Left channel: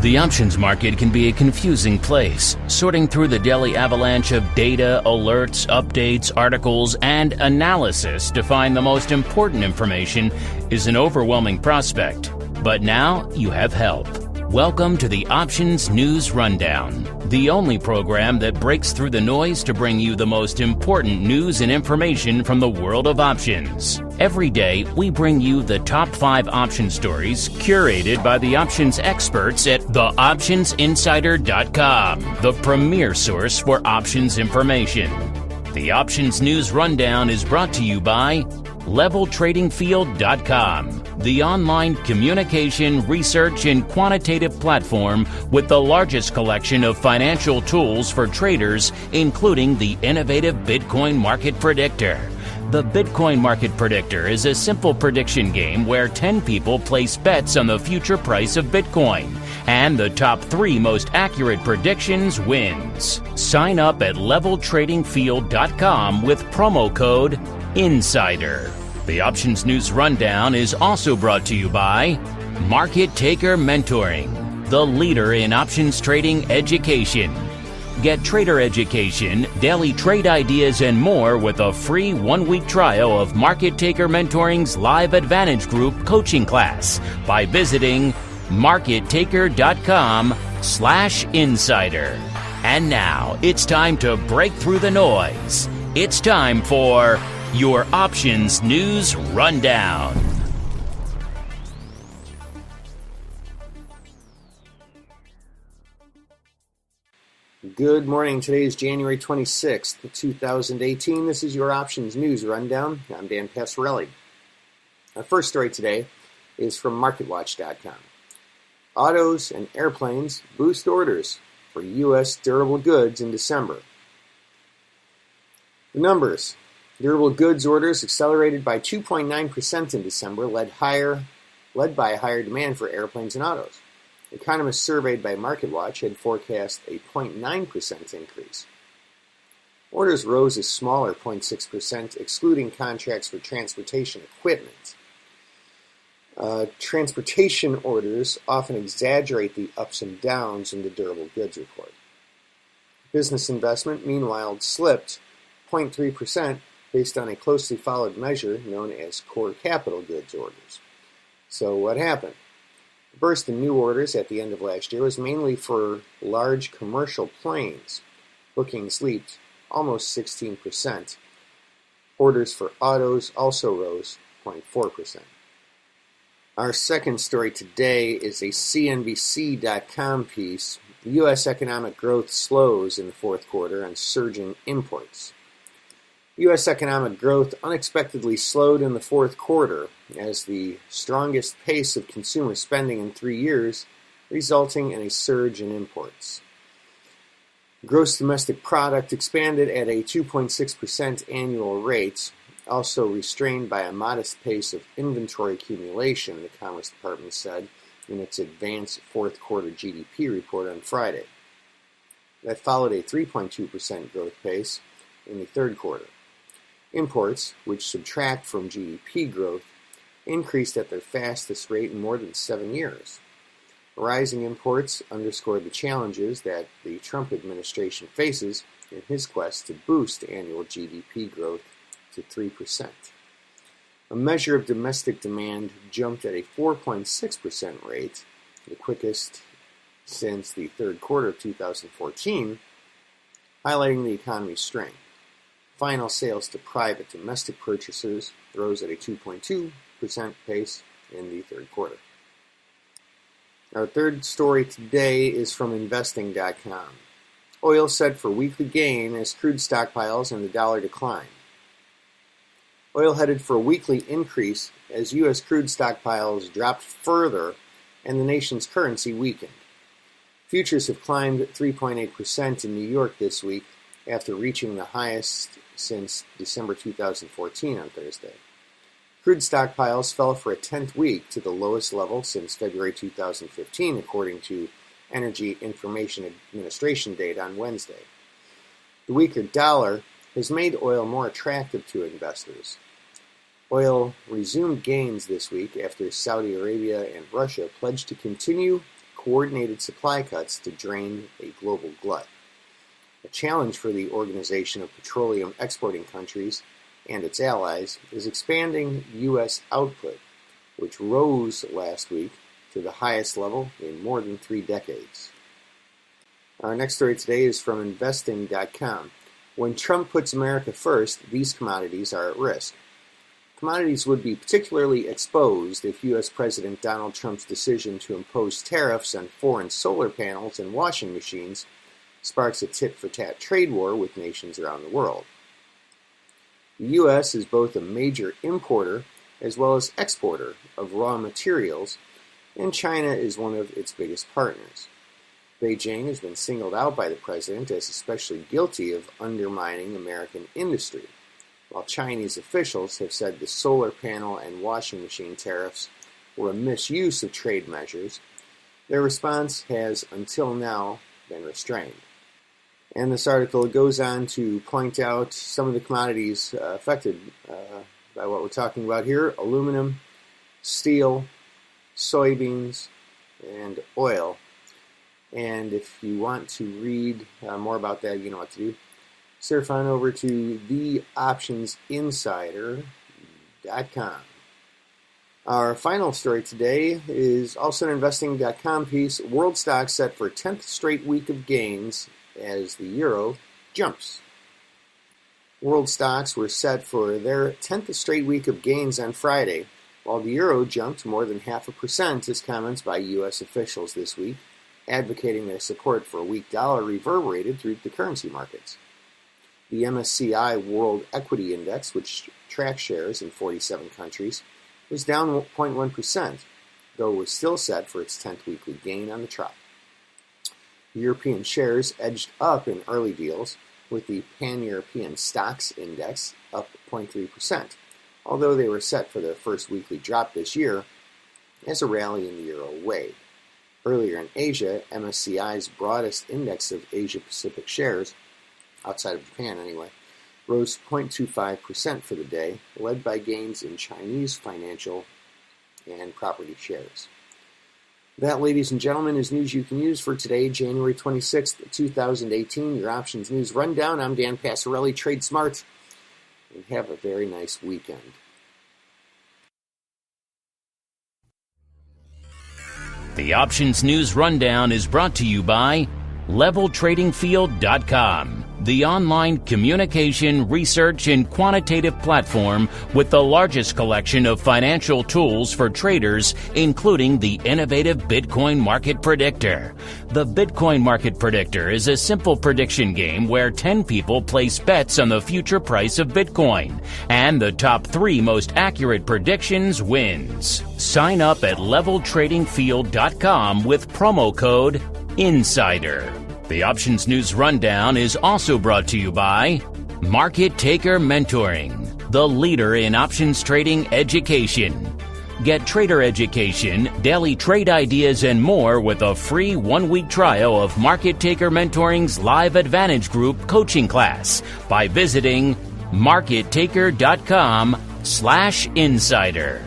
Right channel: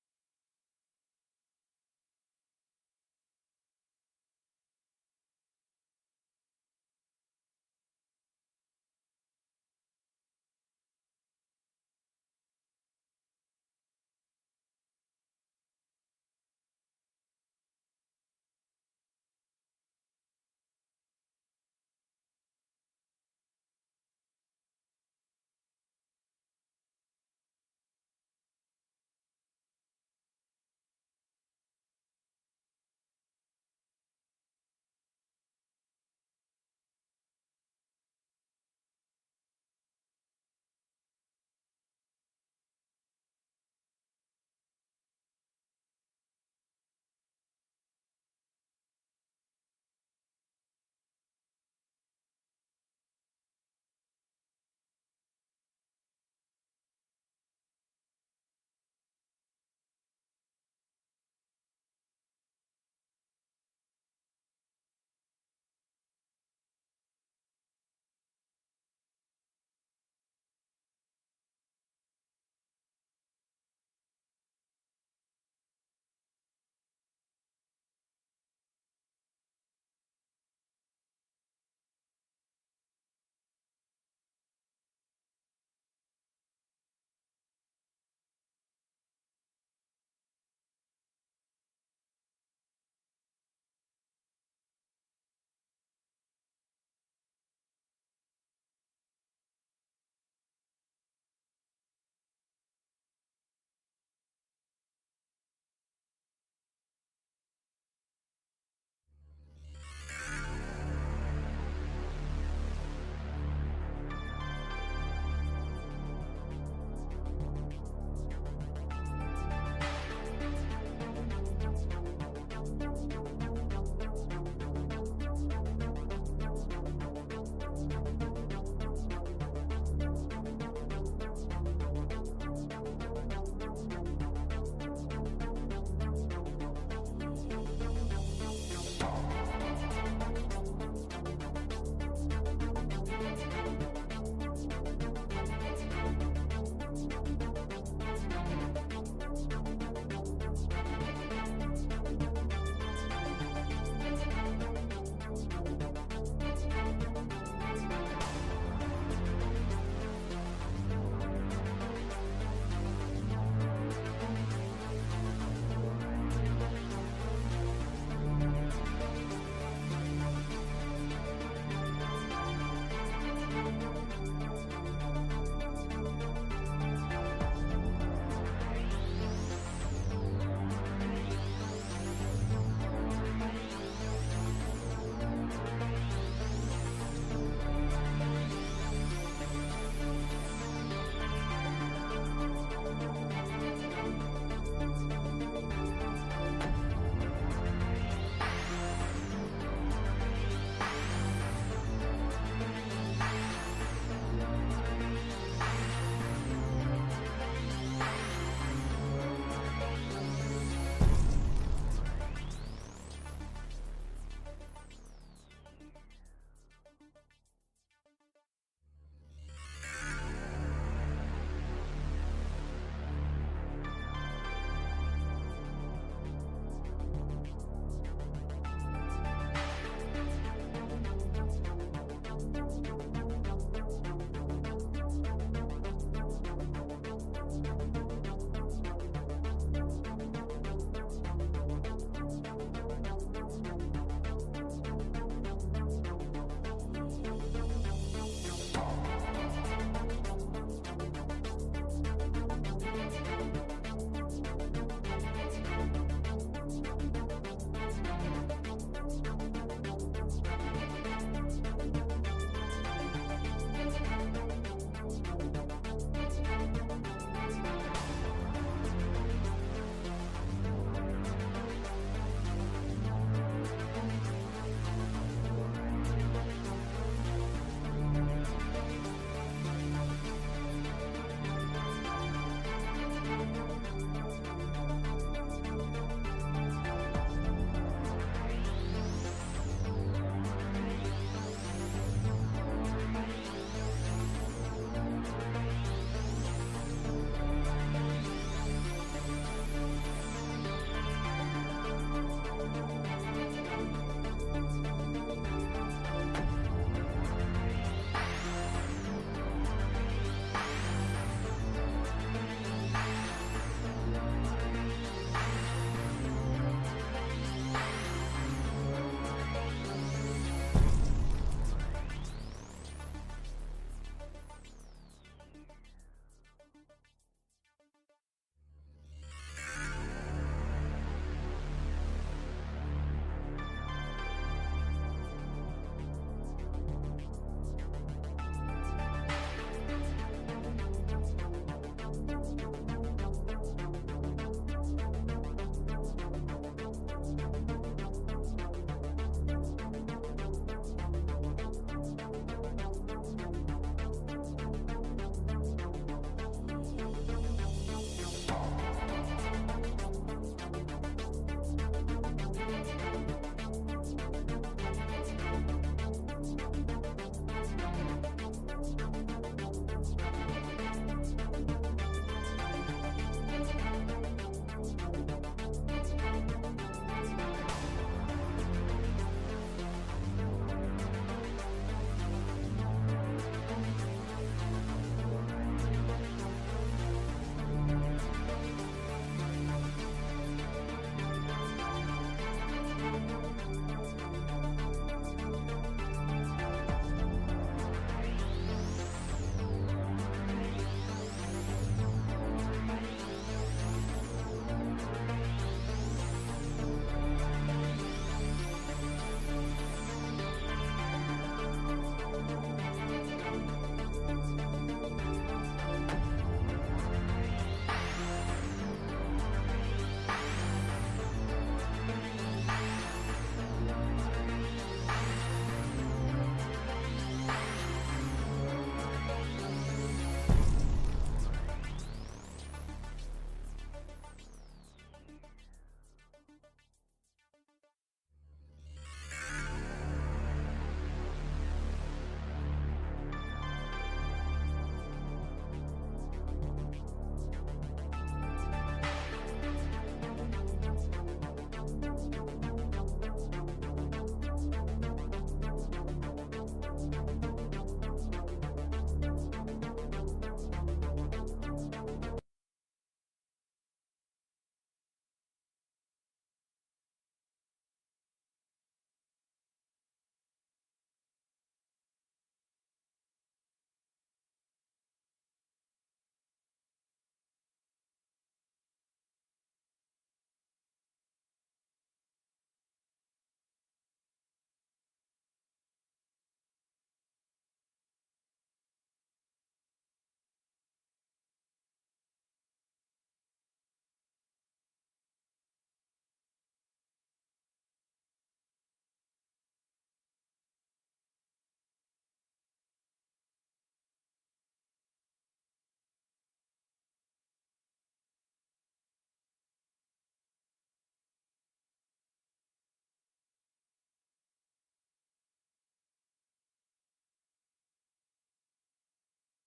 The options market can be a confusing place. Sorting through the daily avalanche of data, alerts, updates, articles, and analysis to find the most important information is an overwhelming prospect. But now you have help. Welcome to the Options News Rundown, the only program that breaks through the noise to bring you the most important news and information from the world of options. Every day, we bring you the top 5 option stories curated by the options experts at theoptionsinsider.com, the premier source for options information. The Options News Rundown is brought to you by LevelTradingField.com, the online communication, research, and quantitative platform with the largest collection of financial tools for traders, including the innovative Bitcoin Market Predictor. The Bitcoin Market Predictor is a simple prediction game where 10 people place bets on the future price of Bitcoin, and the top 3 most accurate predictions wins. Sign up at LevelTradingField.com with promo code INSIDER. The Options News Rundown is also brought to you by Market Taker Mentoring, the leader in options trading education. Get trader education, daily trade ideas, and more with a free 1-week trial of Market Taker Mentoring's Live Advantage Group coaching class by visiting markettaker.com/insider. And now it's time to break through the noise. It's time for your Options News Rundown. Good morning. Today is January 26th, 2018. This is your Options News Rundown. I'm Dan Passarelli. Our first story today is from MarketWatch.com. Autos and airplanes boost orders for U.S. durable goods in December. The numbers. Durable goods orders accelerated by 2.9% in December, led by higher demand for airplanes and autos. Economists surveyed by MarketWatch had forecast a 0.9% increase. Orders rose a smaller 0.6%, excluding contracts for transportation equipment. Transportation orders often exaggerate the ups and downs in the durable goods report. Business investment, meanwhile, slipped 0.3%, based on a closely followed measure known as core capital goods orders. So what happened? First, the new orders at the end of last year was mainly for large commercial planes. Bookings leaped almost 16%. Orders for autos also rose 0.4%. Our second story today is a CNBC.com piece. U.S. economic growth slows in the fourth quarter on surging imports. U.S. economic growth unexpectedly slowed in the fourth quarter as the strongest pace of consumer spending in 3 years, resulting in a surge in imports. Gross domestic product expanded at a 2.6% annual rate, also restrained by a modest pace of inventory accumulation, the Commerce Department said in its advanced fourth quarter GDP report on Friday. That followed a 3.2% growth pace in the third quarter. Imports, which subtract from GDP growth, increased at their fastest rate in more than 7 years. Rising imports underscore the challenges that the Trump administration faces in his quest to boost annual GDP growth to 3%. A measure of domestic demand jumped at a 4.6% rate, the quickest since the third quarter of 2014, highlighting the economy's strength. Final sales to private domestic purchasers rose at a 2.2% pace in the third quarter. Our third story today is from Investing.com. Oil set for weekly gain as crude stockpiles and the dollar decline. Oil headed for a weekly increase as U.S. crude stockpiles dropped further and the nation's currency weakened. Futures have climbed 3.8% in New York this week after reaching the highest since December 2014 on Thursday. Crude stockpiles fell for a 10th week to the lowest level since February 2015, according to Energy Information Administration data on Wednesday. The weaker dollar has made oil more attractive to investors. Oil resumed gains this week after Saudi Arabia and Russia pledged to continue coordinated supply cuts to drain a global glut. A challenge for the Organization of Petroleum Exporting Countries and its allies is expanding U.S. output, which rose last week to the highest level in more than 3 decades. Our next story today is from Investing.com. When Trump puts America first, these commodities are at risk. Commodities would be particularly exposed if U.S. President Donald Trump's decision to impose tariffs on foreign solar panels and washing machines sparks a tit-for-tat trade war with nations around the world. The U.S. is both a major importer as well as exporter of raw materials, and China is one of its biggest partners. Beijing has been singled out by the president as especially guilty of undermining American industry, while Chinese officials have said the solar panel and washing machine tariffs were a misuse of trade measures. Their response has, until now, been restrained. And this article goes on to point out some of the commodities affected by what we're talking about here: aluminum, steel, soybeans, and oil. And if you want to read more about that, you know what to do. Surf on over to theoptionsinsider.com. Our final story today is also an Investing.com piece. World stocks set for 10th straight week of gains as the euro jumps. World stocks were set for their 10th straight week of gains on Friday, while the euro jumped more than 0.5% as comments by U.S. officials this week, advocating their support for a weak dollar reverberated through the currency markets. The MSCI World Equity Index, which tracks shares in 47 countries, was down 0.1%, though was still set for its 10th weekly gain on the trot. The European shares edged up in early deals, with the Pan-European Stocks Index up 0.3%, although they were set for their first weekly drop this year as a rally in the euro wave. Earlier in Asia, MSCI's broadest index of Asia-Pacific shares, outside of Japan anyway, rose 0.25% for the day, led by gains in Chinese financial and property shares. That, ladies and gentlemen, is news you can use for today, January 26th, 2018. Your Options News Rundown. I'm Dan Passarelli, Trade Smart, and have a very nice weekend. The Options News Rundown is brought to you by LevelTradingField.com, the online communication, research, and quantitative platform with the largest collection of financial tools for traders, including the innovative Bitcoin Market Predictor. The Bitcoin Market Predictor is a simple prediction game where 10 people place bets on the future price of Bitcoin, and the top 3 most accurate predictions wins. Sign up at LevelTradingField.com with promo code INSIDER. The Options News Rundown is also brought to you by Market Taker Mentoring, the leader in options trading education. Get trader education, daily trade ideas, and more with a free 1-week trial of Market Taker Mentoring's Live Advantage Group coaching class by visiting markettaker.com/insider.